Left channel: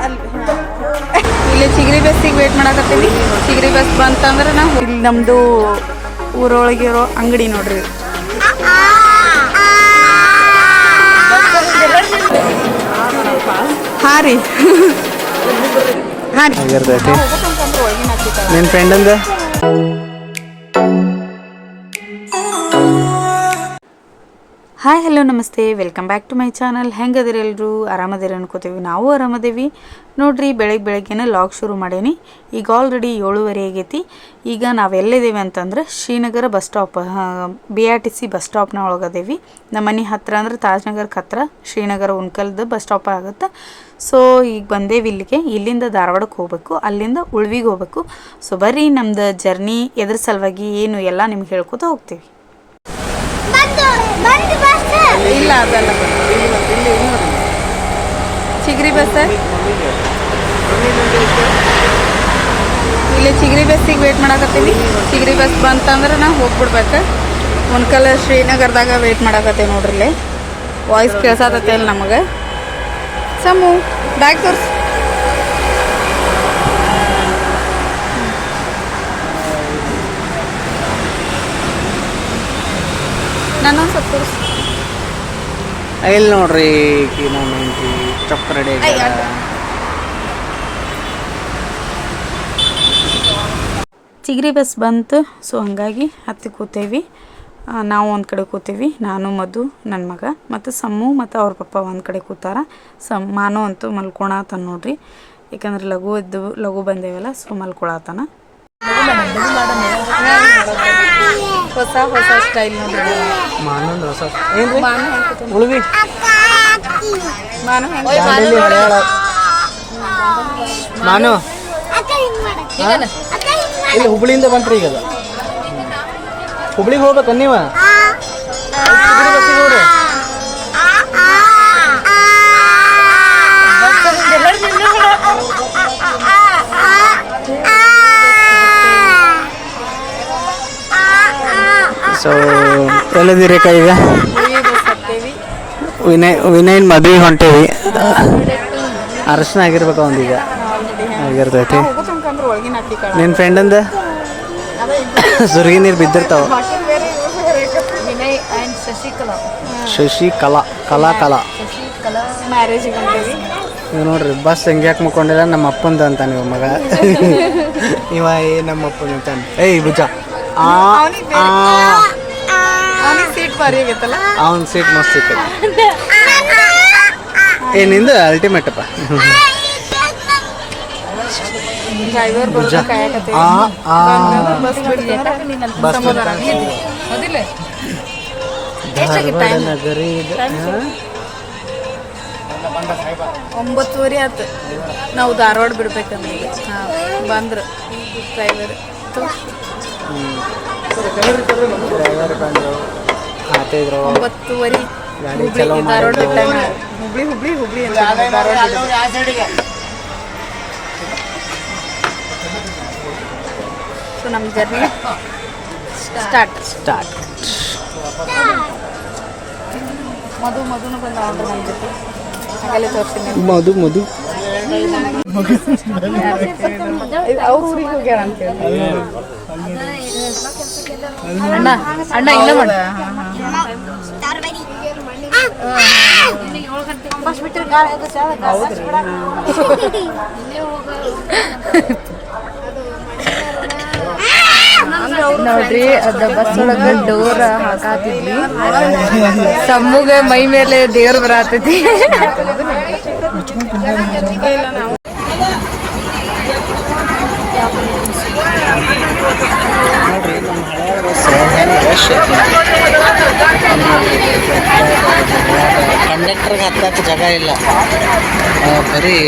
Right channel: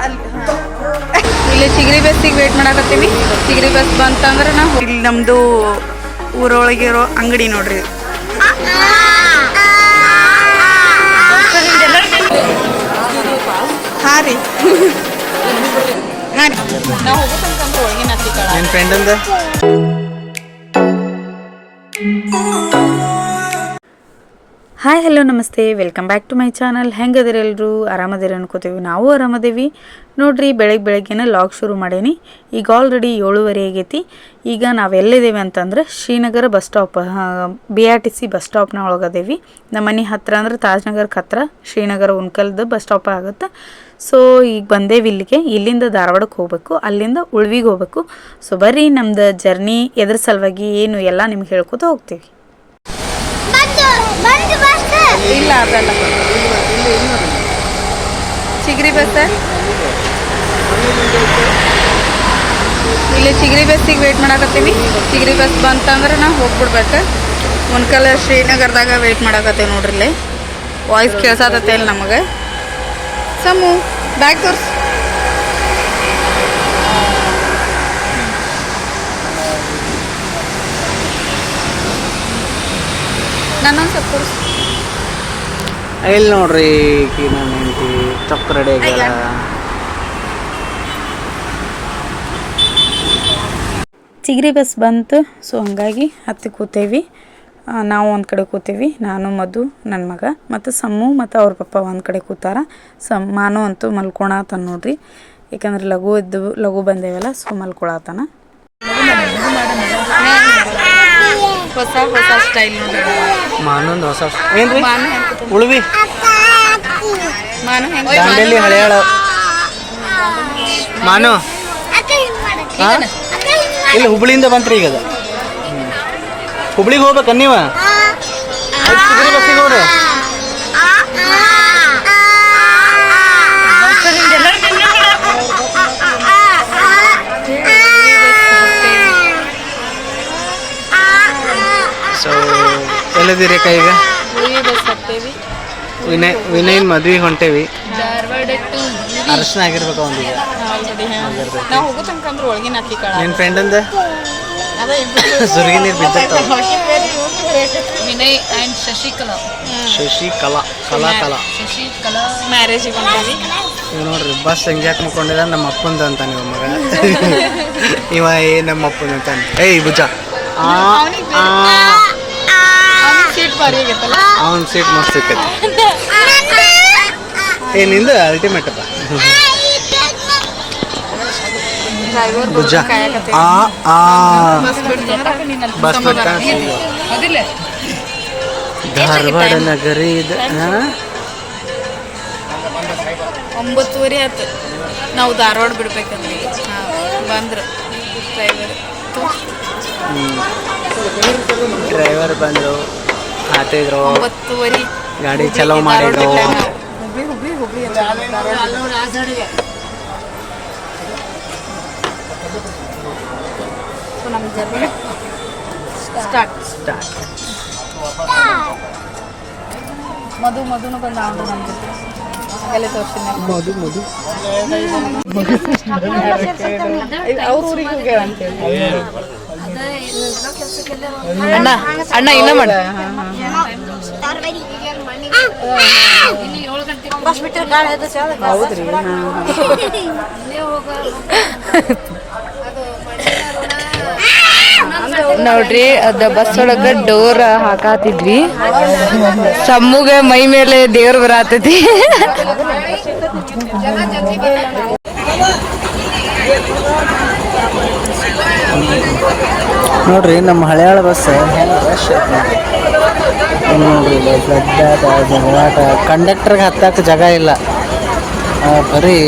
ಅಲ್ಲಿ ಇಲ್ಲಿ ಚಿಗರಿ ಬಸ್ಸಿಗೆ ವೇಟ್ ಮಾಡಾಕತ್ತೀವಿ ಚಿಗರಿ ಬಸ್ ಬಂತಂದ್ರೆ ನಾವು ಇಲ್ಲಿ ನಮ್ಮದು ಊರೊಳಗಿರೋ ಅಂಗಡಿ ನೋಡ್ರಿ. ಹಾಂ ರೀ. ನಿನ್ನ ಫ್ರೆಂಡಂದ ಹಾಯ್, ಹಲೋ, ನಮಸ್ತೆ. Welcome back to my channel ಹೆಂಗದಿರಿ ಎಲ್ಲರೂ ಆರಾಮದಿರಿ ಅನ್ಕೋತೀವಿ. ನಾವು ಆರಾಮದೇವಿ. ನೋಡ್ರಿ ಬೆಳಗ್ಗೆ ಬೆಳಗ್ಗೆನೇ ಲಾಗ್ ಶುರು ಮಾಡೇನಿ. ಈಗ ಆಲ್ರೆಡಿ ಏಳುವರೆ ಆಗೈತಿ. ಈಗ ನಾವು ಎಲ್ಲಿದ್ದೇವೆ ಅಂತಂದ್ರೆ Srinagar bus stop B R T C bus ಸ್ಟಾಪ್ನ ಒಳಗದೇವಿ. ನಮ್ಮ ಮನೆ ಹತ್ರ ಅಂದ್ರೆ ತಾಜ್ನಗರ್ಗೆ ಹತ್ರ ಶ್ರೀನಗರ ಉಣ್ಕಲ್ದು ಬಸ್ ಸ್ಟಾಪ್ ಆಗುತ್ತೆ. ಸೊ ಈಗ ಬಂದೇವಿ ಇಲ್ಲಿಗೆ. ಇಲ್ಲಿಂದ ಧಾರವಾಡಕ್ಕೆ ಹೋಗ್ಬೇಕು. ಅಲ್ಲಿಂದ ಉಳ್ವಿಗೆ ಹೋಗ್ಬೇಕು. ಸೊ ಬರ್ರಿ, ನಮ್ದು ಜರ್ನಿ ಎದ್ರ ಸಲುವಾಗಿ ಏನು ಎಲ್ಲ ನಿಮ್ಗೆ ಹೇಳ್ಕೊತ ಹೋಗ್ತೀವಿ. ಇಲ್ಲ, ಅದೆಲ್ಲ ಚಿಗ್ರಿ ಬಸ್ ಇಲ್ಲಿ ಚಿಗ್ರಿ ಬಸ್ಸಿಗೆ ವೇಟ್ ಮಾಡಾಕತ್ತೀವಿ. ಚಿಗ್ರಿ ಬಸ್ ಬಂತಂದ್ರೆ ನಾವು ಹೋಗ್ಬಿಡ್ಬೇಕು. ಒನ್ಕಲ್ ಶ್ರೀನಗರದಾಗ ವೇಟ್ ಮಾಡಾಕತ್ತೀವಿ ನೋಡ್ರಿ ಇಲ್ಲಿ. ವಾಯ್ಸ್ ಕೇಳ್ಸಾತತ್ತೆ ಇಲ್ಲಿ ನಮಗೆ. ಸಮು ಬ್ಯಾಗ್ ತೋರ್ಸ್. ನನ್ನೊಂದು ಸ್ವಲ್ಪ ಇಲ್ಲಿ ನೋಡ್ರಿ ಈಕಿ ನನ್ನ ಹೆಂಡತಿ ಚೊಕ್ಕ ರೆಡಿ ಆಗ್ಯಾಳ ಚಿಗರಿ ಬಸ್ ಬಂತು ಸೊ ಹಾಗಾಗಿ ಹತ್ತಿ ಕೂತೇವಿ. ನಾವು ಒಂದು ಕಡೆ ಕೂತೀವಿ ನಾನು ಮಧು ನನ್ನ ಮಗ ಮತ್ತು ಸಮ್ಮು ಮತ್ತು ಅವ್ರ ಪಪ್ಪ ಒಂದು ಕಡೆ ಕೂತಾರ. ಸಮ್ ಮಾನು ಅಂತೂ ಮಲ್ಕೊಳತಾನ ನೋಡ್ರಿ. ಯಾಕಂದ್ರೆ ಲಘು ಇದ್ದು ಲಘು ಬಂದೇವಲ್ಲ ಸೊ ಮಲ್ಕೊಳತಾನ ಹೊಸ ಹೊಸ ಸ್ಟೈಲ್ ನೋಡ್ರಿ. ಮಾನೊಂದು ಹೊಸ ಏನ್ರಿ? ಮಾನು ಹೆಂಗೆ ಉಳ್ವಿ. ಮಾನು ಹೆಂಗೆ ದಾಂಡೇಲಿ ಹಳೆಯಾಳ. ಮಾನು. ಹಾ? ಇಲ್ಲಿ ಹುಬ್ಳಿಯಿಂದ ಬಂತ್ರಿ ಈಗ. ಅದು ಹುಬ್ಳಿಗೆ ಹೋಗ್ಬೇಕ ನೀವ? ಎಲ್ಲಿದ್ದೀರಿ ಈಗ? ವಿನಯ್ ವಿನಯನ್ ಮದ್ವೆ ಹೊಂಟೇವಿ. ಅರ್ಶನ ಆಗಿರ್ಬೇಕು ಒಂದೀಗ ಆಗಿರ್ತೈತಿ. ನಿನ್ನ ಫ್ರೆಂಡಂದ ಸುರ್ಗಿ ನೀರು ಬಿದ್ದಿರ್ತಾವ. ವಿನಯ್ ಆ್ಯಂಡ್ ಶಶಿಕಲಾ. ಶಶಿಕಲಾ ಕಲಾ ಕಲಾ. ಕಲಾ ಶಶಿಕಲಾ ಮ್ಯಾರೇಜ್ ಇವ್ ನೋಡ್ರಿ ಬಸ್ ಹಂಗ್ಯಾಕೆ ಮುಕ್ಕೊಂಡಿಲ್ಲ? ನಮ್ಮ ಅಪ್ಪಂದ ಅಂತಾನೆ ಇವ ಮಗ. ಇವ ಏ ನಮ್ಮ ಅಪ್ಪಂದ ಅಂತ ಏಯ್ ಭುಜ. ಆ. ಭಾರಿ ಆಗೈತಲ್ಲ? ಅವನ ಸೀಟ್ ಮಸ್ತ್ ಸಿಕ್ಕೈತಿ. ಏ ನಿಂದು ಅಲ್ಟಿಮೇಟ್ ಅಪ್ಪ. ಡ್ರೈವರ್ ಭುಜ. ಆ ಆ. ಬಸ್ ಬಿಡ್ತಾ ಧಾರವಾಡ ನಗರಿ ಇದು. ಹಾ? ಒಂಬತ್ತುವರೆ ಆಯ್ತು. ನಾವು ಧಾರವಾಡ ಬಿಡ್ಬೇಕಂದ್ರೆ ಬಂದ್ರೆ. ಬಂದ್ರು ಡ್ರೈವರ್ ಡ್ರೈವರ್ ಬಂದರು. ಹಾತಿದ್ರು ಒಂಬತ್ತುವರೆ ಗಾಡಿ ಚಲೋ ಮಾಡಿದ್ರು. ಹುಬ್ಳಿ ಹುಬ್ಳಿ ಹುಬ್ಳಿ ಅಂತ. ಸೊ ನಮ್ಮ ಜರ್ನಿ ಸ್ಟಾರ್ಟ್. ಸ್ಟಾರ್ಟ್. ಮಧು ಮಧುನು ಬಂದ ನಮ್ಮ ಜೊತೆ. ಅಲ್ಲೇ ತೋರಿಸ್ತೀನಿ ಮಧು ಮಧು. ಅಣ್ಣ ಅಣ್ಣ ಇಲ್ಲ ಮಾಡ. ನೋಡ್ರಿ ಅದ ಬಸ್ ಒಳಗ ಡೋರ್ ಹಾಕಾತಿದ್ವಿ. ಸಮ್ಮುಗೆ ಮೈ ಮೇಲೆ ದೇವ್ರ ಬರತೈತಿ ನೋಡ್ರಿ ನಮ್ಮ ಹಳೆಯಾಳ ಬಸ್ ಹೆಂಗೆ ರಶ್ ಐತಿ ನೋಡ್ರಿ. ಜಗಳಾಟ ಕಂಡಕ್ಟರ್ಗೆ ಹತ್ತಕ್ಕೆ ಜಾಗ ಇಲ್ಲ. ಬರೀ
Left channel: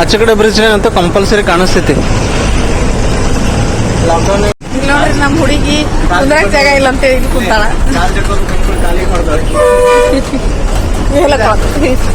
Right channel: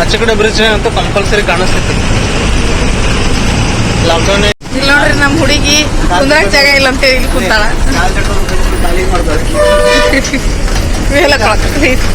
ಆಚೆ ಕಡೆ ಬ್ರಿಡ್ಜ್ ಅಂತ ಕಂಪಲ್ಸರಿ ಕಾಣಿಸ್ತೈತಿ. ಲಾಕ್ಡೌನ್ ಇಲ್ಲಿ ನೋಡ್ರಿ ನಮ್ಮ ಹುಡುಗಿ ಕುಂದ್ರಾಕ್ ಜಾಗ ಇಲ್ಲ ಅಂತ ಹೇಳಿ ಕುಂತಾಳ. ಖಾಲಿ Vielä kalat liittää.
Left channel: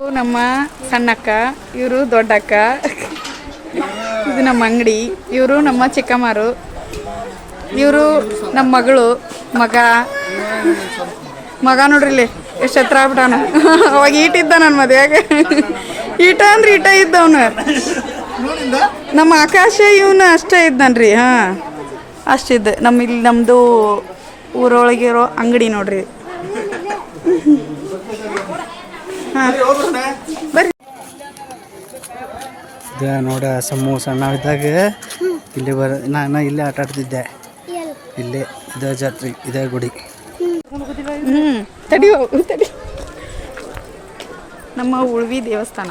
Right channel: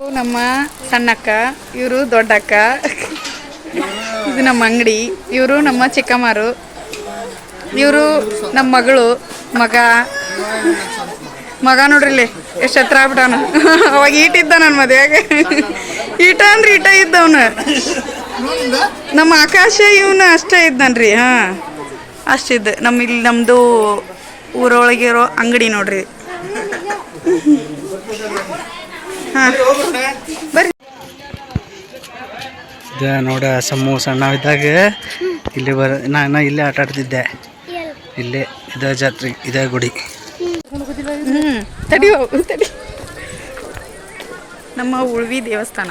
ಇವ್ರು ನಮ್ಮ ಸಣ್ಣಕ್ಕ, ಇವರು ದೊಡ್ಡಕ್ಕ. ಇದು ನಮ್ಮ ಅಂಗಡಿ, ಇವರು ನಮ್ಮ ಚಿಕ್ಕಮ್ಮರು. ಇವರು ನಮ್ಮ ಮಗಳು, ಮಗ. ಮಗ ನೋಡ್ರಿಲ್ಲಿ ಎಷ್ಟು ಹತ್ರ ಆಗ್ಬಿಟ್ಟವನು ಅವಾಗ ಈಟಿದ್ದ ನನ್ನ ಮದುವೆಗೆ. ಈಟ ಅಂದ್ರೆ ಈಟ ಇದ್ದವನು. ನಮ್ಮ ಆಕಾಶ ಇವನು ಅಷ್ಟೇ ಇದ್ದಾನ್ರಿ ಹಾಂ. ಅಷ್ಟಿದ್ದು ನಮ್ಮ ಇಲ್ಲಿ ನಮ್ಮದು ಊರೊಳಗಿರೋ ಅಂಗಡಿ ನೋಡ್ರಿ. ಹಾಂ. ಬರ್ರಿ. ಇದ ನೋಡ ಸಮ್ಮು ಸಣ್ಣವಿದ್ದಾಗ ಇಲ್ಲಿ ಬರ ನಾನು ಇಲ್ಲೇ ಆಟ ಆಡ್ತಿದ್ದೆ. ಇಲ್ಲೇ ಇದ ಜಾತ್ರೆ ಇದೇ ಗುಡಿ. ಹ್ಞೂ ತಡಿಯೋ ತಡಿ. ನಮ್ಮ ಉಳ್ವಿ ದೇವಸ್ಥಾನ.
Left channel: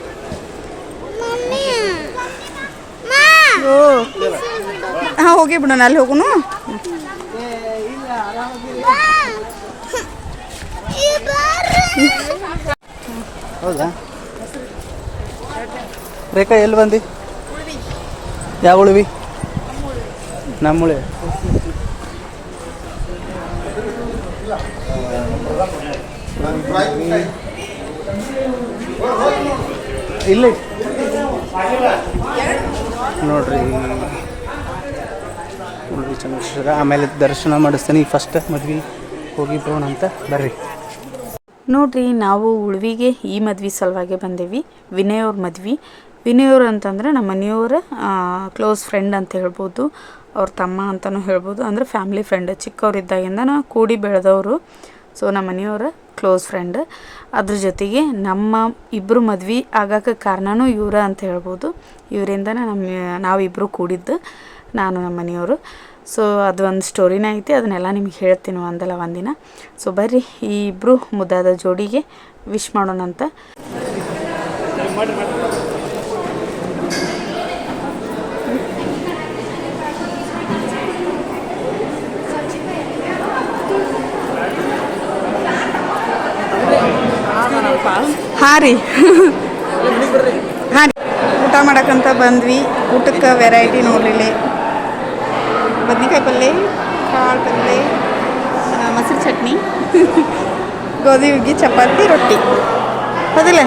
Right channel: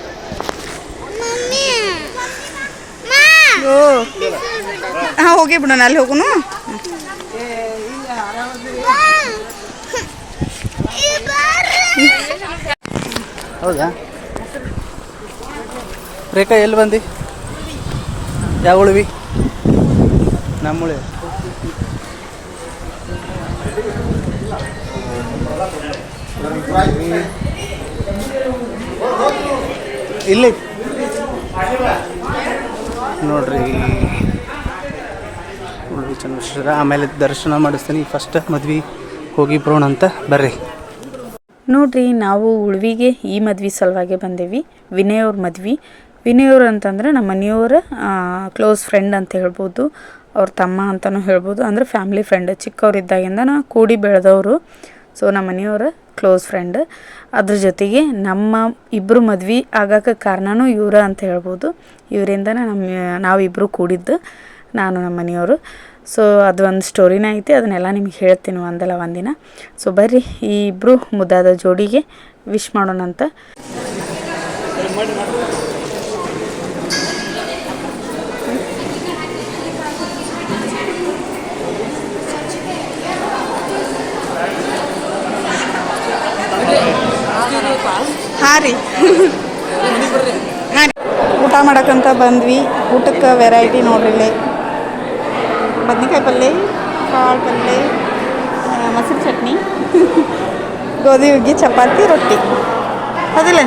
ಓ ಹಾಂ ಹೋಗಿ ಬಿಡೋಣ ಅಲ್ಲಿ ಹೋಗುನು? ಹೌದಾ? ರೇಖಾ ಎಲ್ಲಿ ಬಂದಿ? ಯಾವ ಉಳಿವಿ? ನಮ್ಮುಳಿ ಇಲ್ಲಿ. ನೋಡ್ರಿ. ನೋಡ್ರಿ ಚಂದ್ರಶೇಖರ ಆಮೇಲೆ ದರ್ಶನ ಮಾಡಿಸ್ತೀನಿ. ಫಸ್ಟ್ ಮದ್ವೆ ಹೋಗಿ ಬರೋಣ ಅಂತ. ಬರ್ರಿ. ನೋಡ್ರಿ, ನಾವು ಉಳ್ವಿಗೆ ಈ ಮದ್ವೆ ಸಲುವಾಗಿ ಬಂದೇವಿ. ವಿನಯ್ ಅವ್ರ ಮದ್ವೆ. ವಿನಯ್ ಅವ್ರು ಅಂತಂದ್ರೆ ನಮ್ಮ ಮನೆಯವರ ಕ್ಲೋಸ್ ಫ್ರೆಂಡ್ ಅಂತ ಹೇಳ್ಬೋದು. ಅವ್ರ ತಮ್ಮ ಅಂತಲೂ ಹೇಳ್ಬೋದು. ಅಂದರೆ ಫ್ಯಾಮಿಲಿ ಫ್ರೆಂಡ್ ಚಿಕ್ಕವರಿದ್ದಾಗಿಂದ ಕೂಡಿ ಬೆಳೆದವರು. ಸೊ ನಮ್ಮ ಮನೆಯವರ ಕ್ಲೋಸ್ ಫ್ರೆಂಡ್ ಅದ್ರ ಜೊತೆಗೆ ನಮ್ಮ ಇಬ್ಬರು ಮದ್ವೆ ಆಗಕ್ಕೆ ಕಾರಣನೂ ಇವರ ಅಂತ ಹೇಳ್ಬೋದು. ಇವರಿಂದನೇ ನಮ್ಮ ನಾವಿಬ್ಬರು ಕೂಡಿದ್ದು ನಾನು ನಮ್ಮ ಮನೆಯವರು. ಸೊ ಅದು ಒಂದು ಸ್ಟೋರಿನ ಐತಿ, ಅದನ್ನೆಲ್ಲ ನಿಮ್ಗೆ ಹೇಳ್ತೀನಿ ಒಂದಲ್ಲ ಒಂದಿನ. ಸೊ ಬರ್ರಿ, ಈ ಇಬ್ಬರು ಮುದ್ದಾದ ಜೋಡಿಗೆ ವಿಶ್ ಮಾಡೋಣ ರೀ ಹಾಂ ಊಟ ಮಾಡಕ್ಕಂತ ಬಂದ್ವಿ. ಊಟಕ್ಕೆ ವೆರೈಟಿ ನೋಡ್ರಿ ಇಲ್ಲಿ. ಬದ್ನೆಕಾಯಿ ಪಲ್ಯ ಕಾಳು ಪಲ್ಯ ಮೊಸರು ಚಟ್ನಿ ಗೋಧಿ ಹುಗ್ಗಿ ಚಪಾತಿ ರೊಟ್ಟಿ. ಹೌದಿಲ್ಲ?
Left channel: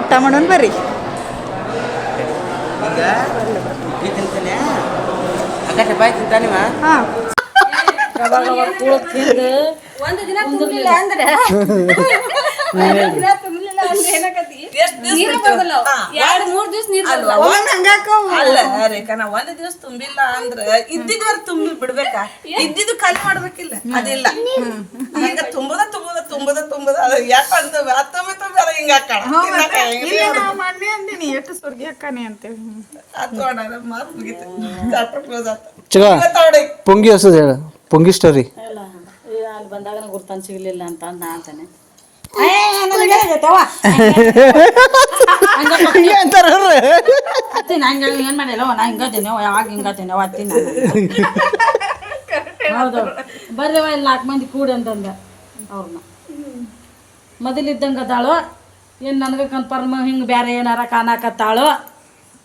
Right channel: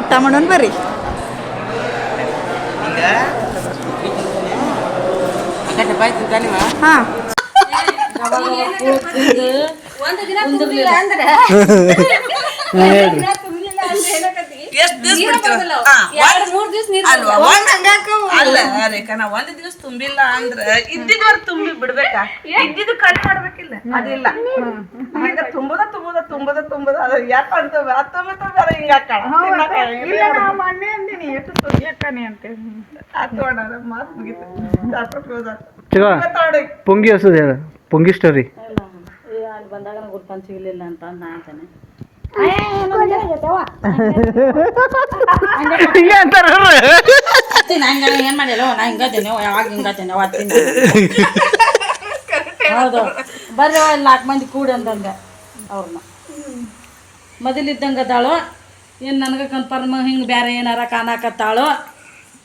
ಊಟ ಮಾಡೋಣ ಬರ್ರಿ. ಹಾಂ. ಒಂದ್ ದಿವಸ ತುಂಬಿಲ್ಲ ಅಂದ್ರ ಇದ್ದಿದ್ವರ್ ತುಂಬಿ ಬಿಡ್ಬೇಕಾ? ಇದ್ದಿದ್ದು ಖಾಲಿ ಮಾಡ್ಬೇಕಿಲ್ಲ. ಅದಿಲ್ಲ. ಈಗ ತುಂಬದ ತುಂಬದ ತುಂಬದ ತುಂಬದ. ಅದ ಯಾಕ ಅಂತ ತುಂಬಿ ಹಿಂಗ ಅಂದಿನಿ ಎಷ್ಟು ಸುದ್ದಿ ಅಕ್ಕನಿ ಅಂತೇಳಿ ಮಾತು ಮುಗಿತು. ಚಾಪ್ಟರ್ ಕ್ಲೋಸ್ ಆತ. ಚಗ ಇವತ್ತು ಅವ್ಡೆ ಪೊಂಗಿ ಹೊಸದು ಹೇಳ. ಪೊಂಗಿ ಸ್ಟೋರಿ ಅಲ್ಲಿ ಬಂದಾಗ ಗುರ್ತನ್ ಸಿಗ್ಲಿಲ್ಲ ಅಂತ ಅಂದ್ ನಾ ಅಂತಾನೆ. ಹಂಗ ಏನ್ ಮಾಡಿಲ್ಲ ನಾ ಹಿಂಗತ್ತೇನೆ ಯಾವಾಗ ಹಿಂಗತ್ತೇನೆ ಅವತ್ತಿನ ಹೌದು. ಬರ್ರಿ ನಾಲ್ಕು ಮಂದಿ ಕೂಡಿ ಅಂತಂದೆ ಅವ್ರನ್ನ. ಮೊದಲಿದ್ದಂಗೆ ಅದಾಳು. ಏನು ನನಗೆ ಕನ್ಫರ್ಮ್ ಹಿಂಗೆ ಬೇರೆ ಏನಾರ ಕಾಣಕತ್ತಾಳು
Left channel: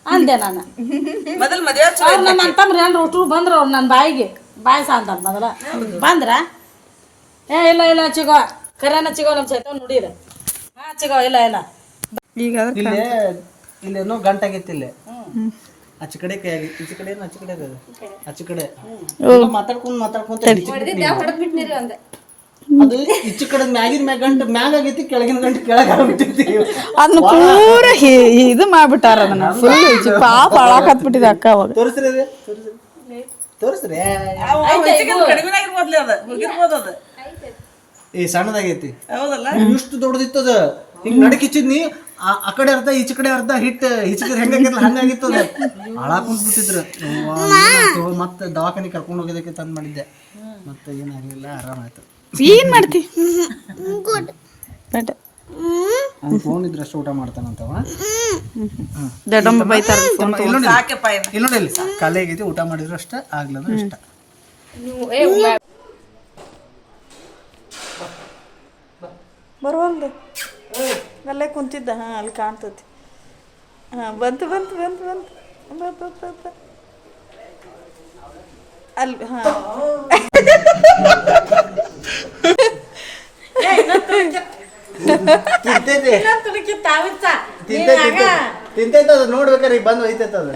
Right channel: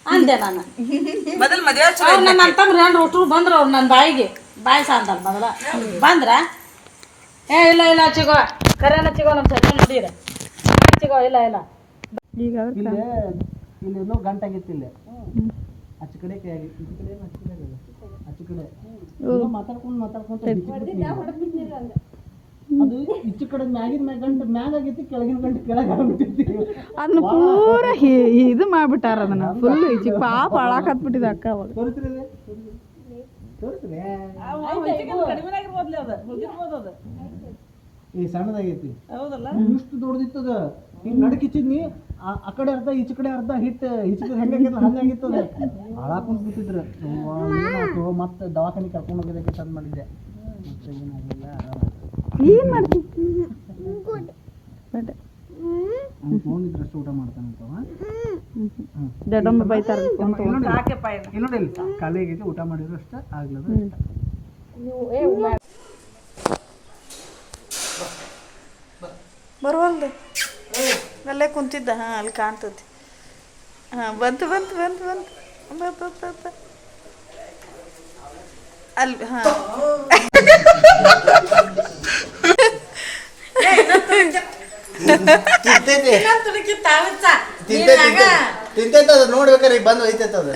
ಅಂದೆ ನಾನು. ನನ್ನ ಅಂತಂದ್ರೆ ಏನಾರು ಹುಟ್ಟರು ಬಂದ್ರು ಅವ್ರು ನನ್ನ ಬಾಯಿಗೆ. ಬಾಯಿ ಅಂತ ಮೊದಲ. ಬಂದ್ರ ಏ ಇಲ್ಲ ಇಲ್ಲ ಚಿಗೋ ಕರೆನ ಚಿಗೋ ನಮ್ಮ ಸೈಕಲ್ ನೋಡಿರ ಚಿಗೋ ಇಲ್ಲ ಇಲ್ಲ. ಈಗ ಇಲ್ಲಿ ಇಲ್ಲೇನೋ ಗಂಟಾಗೈತಿ ಇಲ್ಲಿ ಆಚೆ ಕಡೆ ಕೈ ಆಗಿ ಈಚೆ ಕಡೆ ಅಚ್ಚ ಕಡೆ ಅದ ಆಚೆ ಕಡೆ. ಮಾತಾಡ್ಕೊಂಡು ಮಾತಾಡ್ಕೊಂಡ್ ಮಾತಾಡ್ಕೊಂತ ಅದು. ಈಚೆ ಕಡೆ ಮ್ಯಾಗಿನ ಮ್ಯಾಗ ಗಂಟು ಮ್ಯಾಗ ಆಗೈತಿ ಕೆಳಗಿನ ಗಂಟು ಕೆಳಗ ಆಗ್ಬಿಟ್ಟೈತಿ ಅದನ್ನ ಪೂರ ಹಿ- ಇದು ಮಾಡ್ಬಿಟ್ಟಾರ ಅದನ್ನ. ಫುಲ್ ಪಾಪ ಅಳಾಕತ್ಬಿಟ್ಟಿದೆ ಅಕ್ಕ ಅವಾಗ. ತೋರಿಸ್ರಿ ಅದು ತೋರಿಸ್ರಿ. ತೋರಿಸ್ರಿ. ಅದ. ಹೋಗಿರ್ಬೋದು ಅದ. ಈ ಸಣ್ಣದಾಗೈತಿ. ಹೌದಲ್ಲ? ಇಷ್ಟು ದೊಡ್ಡದಿತ್ತದ ಹಿಂಗ್ ನಡಕಿಚ್ಚಿದ್ನಿ. ಆ ಆ ಕಡೆ ಅರ್ಧ ಈಚ ಕಡೆ ಅರ್ಧ ಹಿಟ್ ಹಿಚ್ಚಿದ್ರೆ ಹೆಂಗಾಗಿರ್ಲ ಅದ. ಹಾಳಾಕೊಂಡ್ ಬಿಟ್ಟಿದ್ರು ಮತ್ತೆ ದವಾಖಾನೆ ಕರ್ಕೊಂಡು ಹೋಗೋದಕ್ಕೆ ತಂದ್ ಮಾಡಿದ್ದೆ. ಮತ್ತೆ ಏನಾಗ್ಲಿಲ್ಲ ಆರಾಮಾಯ್ತು. ಏನ್ ಮಾಡ್ತಿ. ಅವ್ನು ಫೋನ್ ಇದ್ರೆ ಅಷ್ಟು ಊಟ ಮಾಡ್ತಾನಂತವ. ದೊಡ್ಡಮ್ಮ ಬೈತಾರ ಫೋನ್ ಇಲ್ಲ ನೋಡಿ ಇಲ್ಲ ನೋಡಿ ಇಲ್ಲಿ ಖಾಲಿ ಆಗೈತಿ ಊಟ ಮಾಡಿದ್ರು ಅಷ್ಟೇ ಆಗ್ಲದ ಅಷ್ಟ. ಬರುವಲ್ದು? ಅಲ್ಲೇ ಕುಂತಿದ್ದ ಹಾಂ ಅಲ್ಲಿ ಕಾಣ್ತತಿ. ಹಾಂ ಬಂತು ಬಂತು ಬಂತು ಬಂತು. ಬಂತು ಬ ಬ ಬ. ಅಲ್ಲಿ ಹಾಂ. ತಿಂತೈತಿ ತಿಂತೈತಿ ತಿಂತೈತೆ ಅದು ನೋಡ್ಬೇಕಾರೆ ಈಗ ಬಂದು ಒಯ್ತೈತೆ ಅದು.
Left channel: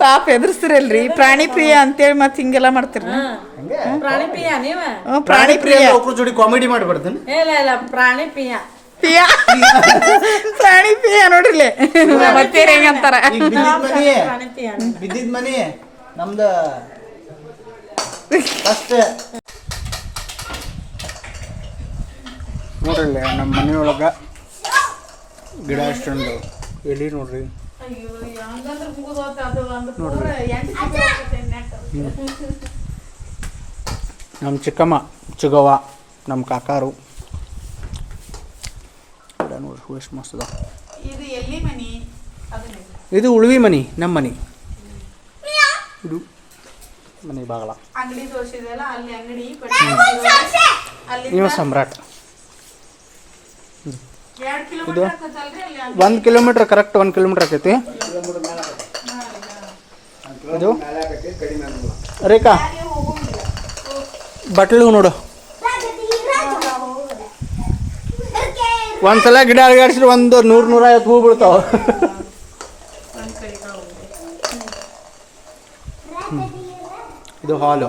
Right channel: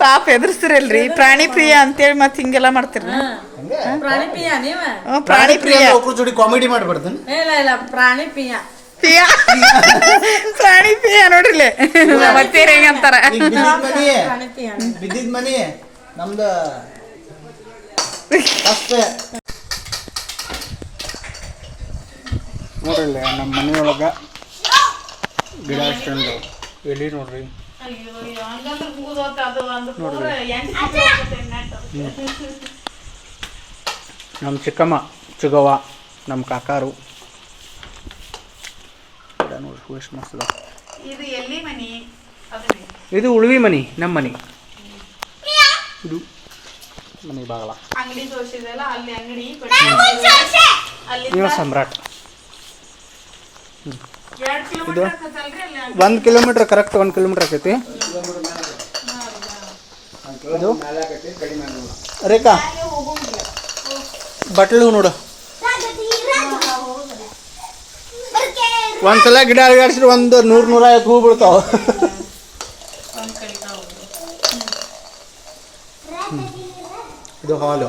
ಪಾಪ ಎದುರಿಸ್ತಿರಲ್ರಿ. ಪ್ರಾಣಿ ಪ್ರಿಯ ಅಂತೇಳಿ ಮತ್ತೆ ಹಿಂಗೆಲ್ಲ ಮಾಡ್ತೀರಿ ಹಂಗೆ? ಪ್ರಾಣಿ ನೀವ? ಪ್ರಿಯ ಒಬ್ರು ಜೋಡಿ ಕಾಮಿಡಿ ಮಾಡ್ಬಾರ್ದು ಇಲ್ಲ ಇಲ್ಲ ಪ್ರಾಣಿ ಪಿಯ ಪ್ರಿಯ? ಪ್ರಾಣಿ ಪ್ರಿಯ ನೋಡ್ರಿಲೆ. ಮತ್ತೆ ಹೆಂಗಂತಾರ? ಈಗ ಬಿದ್ದಿದ್ ಮನಿ ಪ್ರಾಣಿ ಪಿಯ ಬಿದ್ದಿದ್ ಮನಿ ನಮ್ದು ಫಸ್ಟ್ ನೋಡ್ರಿ ನಮ್ಮ ಮನೆಯೊಳಗ ಗಿಡ ಅಷ್ಟೊಂದು ಎಲ್ಲಿ ನೋಡ್ರಿ. ನಮ್ಮ ಚಿಕ್ಕಮ್ಮ ಚಿಗವ್ವ ನಮ್ಮ ಕಾಕಾರು. ಗಿಡ ನೋಡ್ರಿ ವೇಸ್ಟ್ ಮಸ್ತ್ ಇದು ಎಲ್ಲಿ ಮನಿ? ಇದು ಉಳ್ವಿ ಮನಿ ನಮ್ಮ ಮನಿ. ಇದು ಮನೆ ಬಾಗಲ. ಅಂಗಡಿ ತೋರಿಸಿದಲ್ಲ ಅಲ್ಲಿ ಅಂಗಡಿ ಇವ ಸಮ್ರಾಟ್. ಅಲ್ಲಿ ಒಂದು ಕಿಲೋಮೀಟ್ರ್ ಕರೆಕ್ಟ್ ಒಂದು ಕಿಲೋಮೀಟರ್ ಆಕೈತಿ. ಇದು? ರೇಖಾ ಬಟ್ಲು ನೋಡು. ಒಂದ್ಸಲ ಗಿಡ ಅಳಗಾಡಿಸಿದ್ರೆ ಒಂದು ನೂರು ನೂರೈವತ್ತು ಹೂ ಬೀಳ್ತಾವ ಹ್ಮ್. ಇದು ಹಾಲು.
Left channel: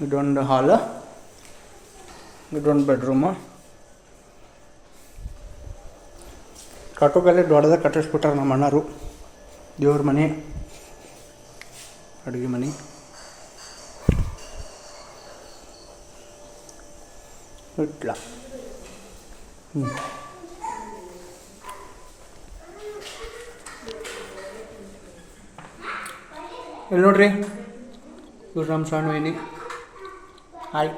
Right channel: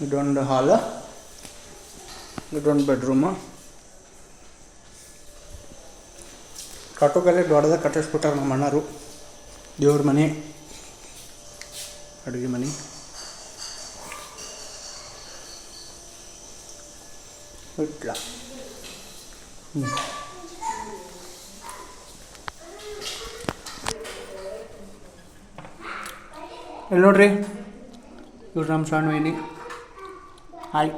ಇದೊಂದು ಹಾಲು. ಇದೊಂದು ಬೆಡ್ರೂಮು ಕಟ್ಟೋಕಲ್ಲಿ ದೊಡ್ಡದಾಗ ಕಟ್ಟಿಸ್ಬಿಟ್ಟಾರೆ ನಮ್ಮ ಅಣ್ಣರು. ದೇವ್ರ ಮನೆ. ಅಡುಗೆ ಮನೆ. ಇಟ್ಲ. ಹ್ಞೂ ಇಲ್ಲಿ ನೋಡ್ರಿ? ಇವ್ರು ನಮ್ಮ ಸಣ್ಣ ವೈನಿ ಹಾಯ್.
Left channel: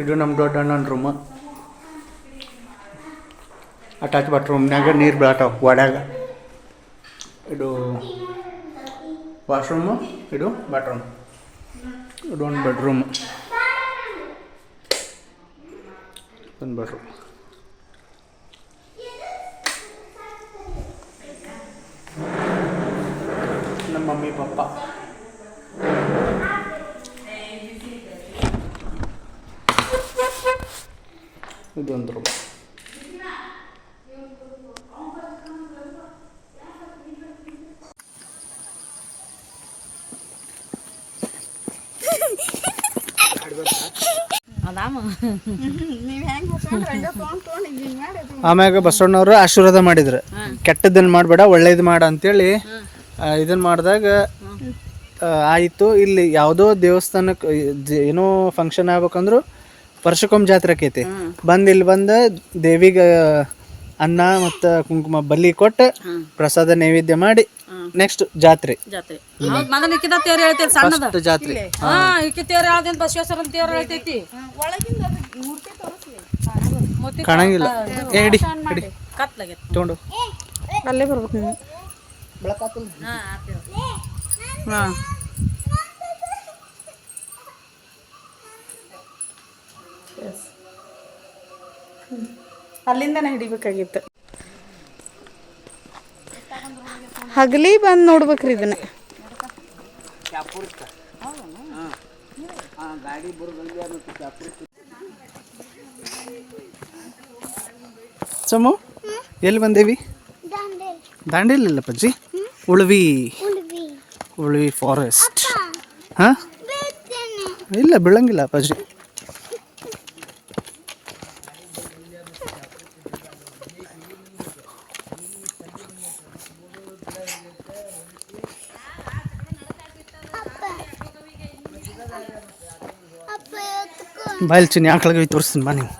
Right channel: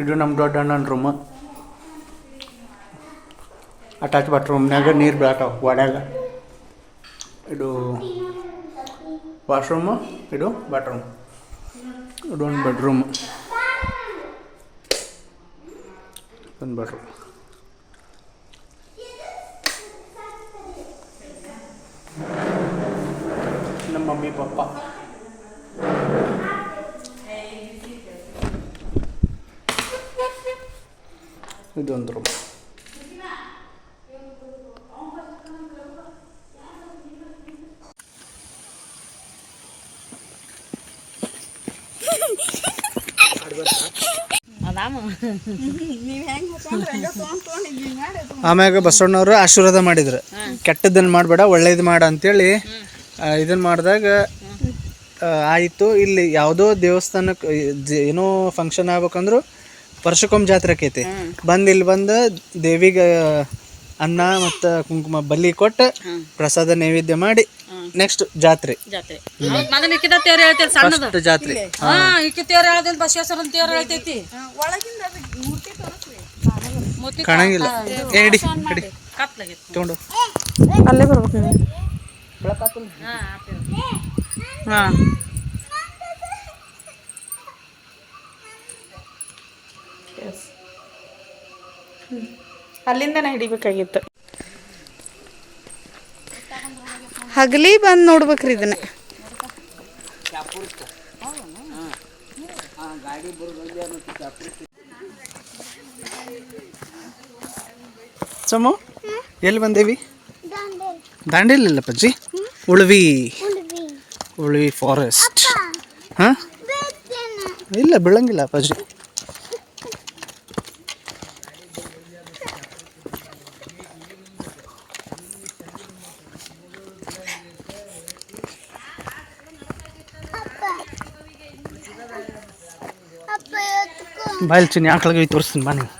ಇದು ನಮ್ಮ ದೊಡ್ಡ ಅಣ್ಣನ ರೂಮ್ ಅಟ್ಯಾಚ್ ಬಾತ್ರೂಮ್ನಾಗ ನೀರು ಬೀಳ್ತಾವೆ, ಒಡ್ಯಾಗ. ಇದು ವಾಶ್ರೂಮು ಇದು ಬಾತ್ರೂಮ್ ಇದು ಒಂದು ಬೆಡ್ರೂಮ್ ಒಂದು ಬೆಡ್ರೂಮ್ ನಮ್ಮ ಮಮ್ಮಿ ಪಪ್ಪ ಇದೊಂದು ರೂಮ್ ಆಮ್ಯಾಗ ಬಸವಣ್ಣವರು ಆಶೀರ್ವಾದ ಮಾಡಿದ್ರು. ಕೆಟ್ಟದನ್ನ ಮಾಡಬೇಡ ಒಳ್ಳೇದು ಮಾಡ ಅಂತೇಳಿ ಇದನ್ನ ಮಾಡಿದಾಗ ಆಯಿತು. ಇಲ್ಲಿ ಯಾವುದೋ ದೇವಸ್ಥಾನಕ್ಕೆ ಏನೋ ಫಂಕ್ಷನ್ ಆಗ್ಬೇಕಂದ್ರು ವರ್ಷಕ್ಕೊಮ್ಮೆ ಜಾತ್ರೆ ಆಕೈತಿ. ಬಂದು ಇಲ್ಲಿ ಬಂದು ದೇವಿಗೆ ಅನ್ನ ಮತ್ತು ಕುಂಕುಮ ಬಲಿ ಕೊಟ್ಟು ಪ್ರಸಾದ ನೈವೇದ್ಯ ಮಾಡಿ ನೆಕ್ಸ್ಟ್ ಜಾತ್ರೆ. ಜಾತ್ರೆ. ಮಗನ ಇಕ್ಕಿದ ತೇರ್ ಸಣ್ಣದು. ಫಸ್ಟ್ ಜಾತ್ರೆ. ಹಾ. ಇಕ್ಕಿ ತೇರ್ ಹೇಳ್ತೈತಿ ಬಸವೇಶ್ವರನ ತೇರ್ ಹೇಳ್ತೈತಿ. ಕಾಣಂಗಿಲ್ಲ. ಏ ಹಿಡಿ ಹಿಡಿ ತಗೊಂಡು ಅಲ್ಲೇ ಬರ್ಬೇಕು ನೀವು ಹಾಂ. ಅಲ್ಲಿಂದನೇ ಹಿಡಿಬೇಕಾಗಿತ್ತು. ಹಗಲಿ ಬಂದು ನೋಡ್ಬೇಕ್ರಿ ಇದನ್ನ. ಸಮು ಎಲ್ಲಿ ಬಂದೇವಿ? ದಾಂಡೇಲಿಲ್ಲ ಪಜ್ಜಿ ಉಳ್ವಿ. ಉಳ್ವಿ. ಫಾರೆಸ್ಟ್ ಹಾಂ? ಇಲ್ಲ ಬೀಳಂಗಿಲ್ಲ ಪಜ್ಜಿ ಬಾಯಲ್ಲಿ ಚಿನ್ನಿ ಆಕಳಗಳಿಗೆ ತೋರಿಸ್ತೀನಿ ಬಾ ನೀವು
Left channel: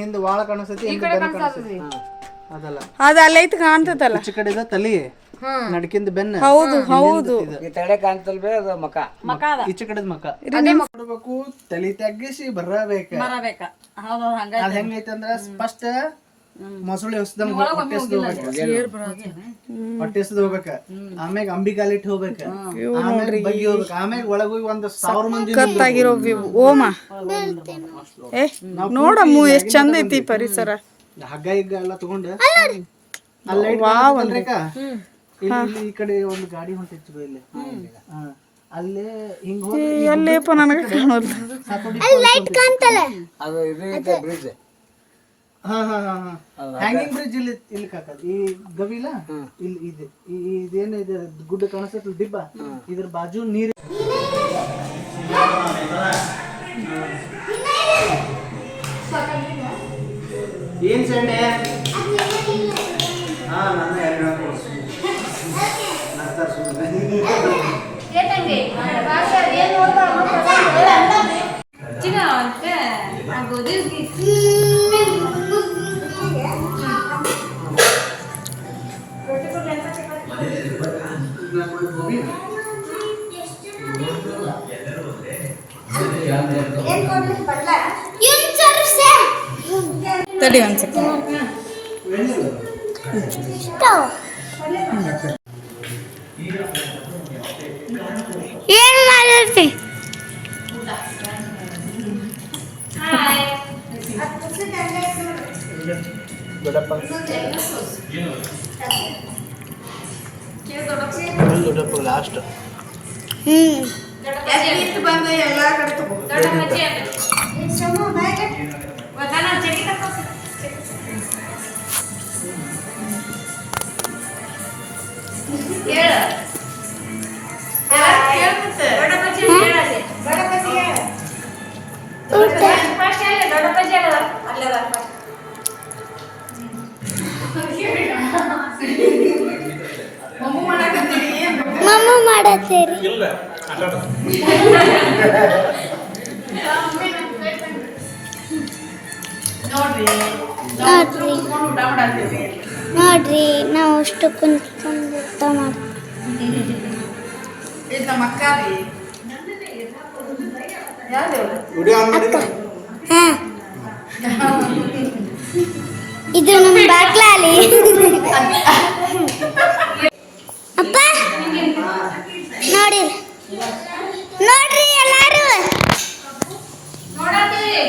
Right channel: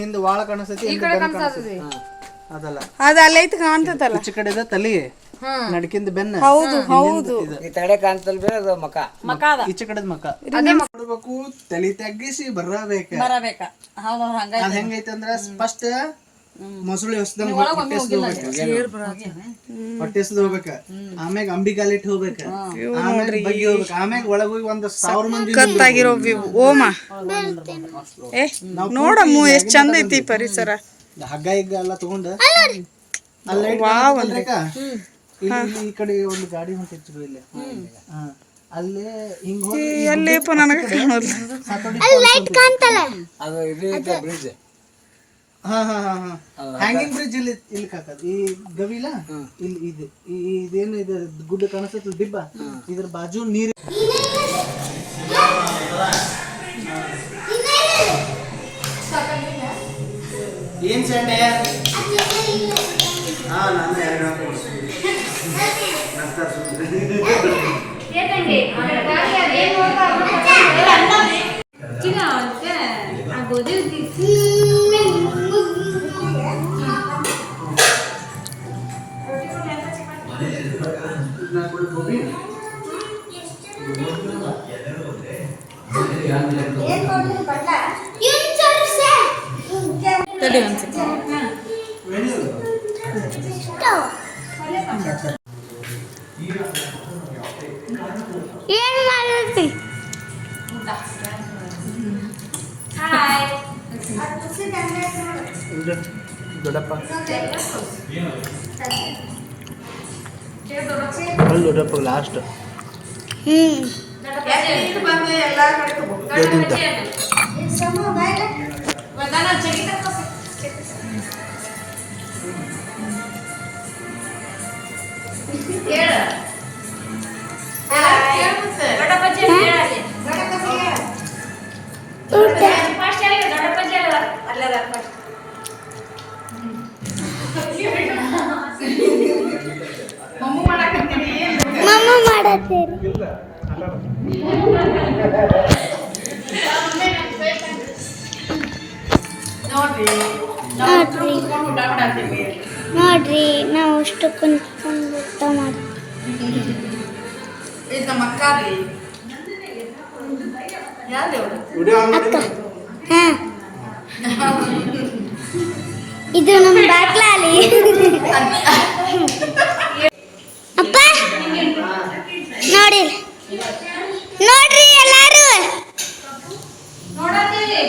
ಹಿಂದೆ ವಾಳ ಕಾಣಿಸ್ತೈತಿ ಅದಲ್ಲ. ಅದು ಅಲ್ಲೈತೆ ಕಾಣ್ತದಲ್ಲ ಈಚೆ ಕಡೆದ ತಲಿ. ನಡ್ಕಿಂದ ಬೆನ್ನ. ಹೌದು ಹೌದು ಈಚೆ ಕಡೆದ ಮಕ. ನೋಡ್ಬೇಕು ತಲಿ ತಗ್ಗಿಸಿ ಬರಬೇಕ. ಬರಬೇಕ. ಹೌದು ಹಂಗ ಅದ್ ಹೆಂಗೈತೆ ಅಂದ್ರ ಫಸ್ಟ್ ಮೊಸಳೆ ಹೊಸದಂಗ ಹೊಟ್ಟೆ ಹಸ್ದು ಹೋಗ್ಬೇಕ ಹೊಟ್ಟೆ ಹಸ್ದು ಹೋಗ್ಬೇಕ ಆಮ್ಯಾಗ ಅಂಬಿಕಾಲಿಟ್ಟು ಹೋಗ್ಬೇಕ. ಆಮ್ಯಾಗ ಬಗ್ಗಿ ಹೋಗ್ಬೇಕ. ಆಮ್ಯಾಗ ಒಳಗ ಹೋಗಿ ಒಂದ್ ಸಾವಿರ ಮಂದಿ ಕತ್ತಾಗಿರೋ ಓಮ. ಏ ನೋಡಮ್ಮು ಎಷ್ಟು ಚಂದ ಐತಿ ಪರಿಸರ. ಹಗ್ಗ ಹಿಗ್ಗ ಎಲ್ಲ ತಗೊಂಡ. ಅಲ್ಲೇ ಇಲ್ಲಿ ಈ ಕಡೆ ಒಂದು ಗಾಡಿ ಹೊಂಟಿತ್ತು ಇಲ್ಲಿ. ಹಾ. ಅಲ್ಲೇ ಹಿಂಗ್ ಹೋಗಿ ಎಲ್ಲೇಪ ನನಗೆ ಕಾಣೋದು ಹಾ ಹಾ ಹಾ ಹಾ. ಹ್ಯಾಂಗಿಂಗ್ ಬ್ರಿಡ್ಜ್ ಇಲ್ಲಿ ಇಲ್ಲಿ ಕಾಕದ್. ಈ ಗವಿಲ? ಇಲ್ಲಿ ಇದೆ. ಈ ಇದೇನು ಇದೆ? ಗುಡ್ಡ ಕಾಣಿಸ್ತೈತಿ ದಿಬ್ಬ. ಇದ್ರ ಬಾಜು ನೀರ್. ಏನ್ ಸಂಡೆ? ಹಾ ನಾನು ಎರಡು. ತಡಿ ಒಂದ್ಸತಿ ಏನ್ ಲಾಸ್ಟ್ ಹ್ಮ್. ಮಾಡತ್ತೀರಿ ನೋಡ್ರಿ. ನೋಡ್ರಿ. ನಾವು ಅಷ್ಟು ಕುಂತ್ಕೊಂಡು ಊಟ ನಮ್ಮ ಅಕ್ಕ ರೀ. ಅಕ್ಕ. ಹಾ. ಇದು ನಮ್ಮ ಬಾಗ್ಲಾಲಿ ನೋಡಿ ನೋಡ್ರಿ ಎಲ್ಲಾರು. ನೋಡತ್ತೀವಿ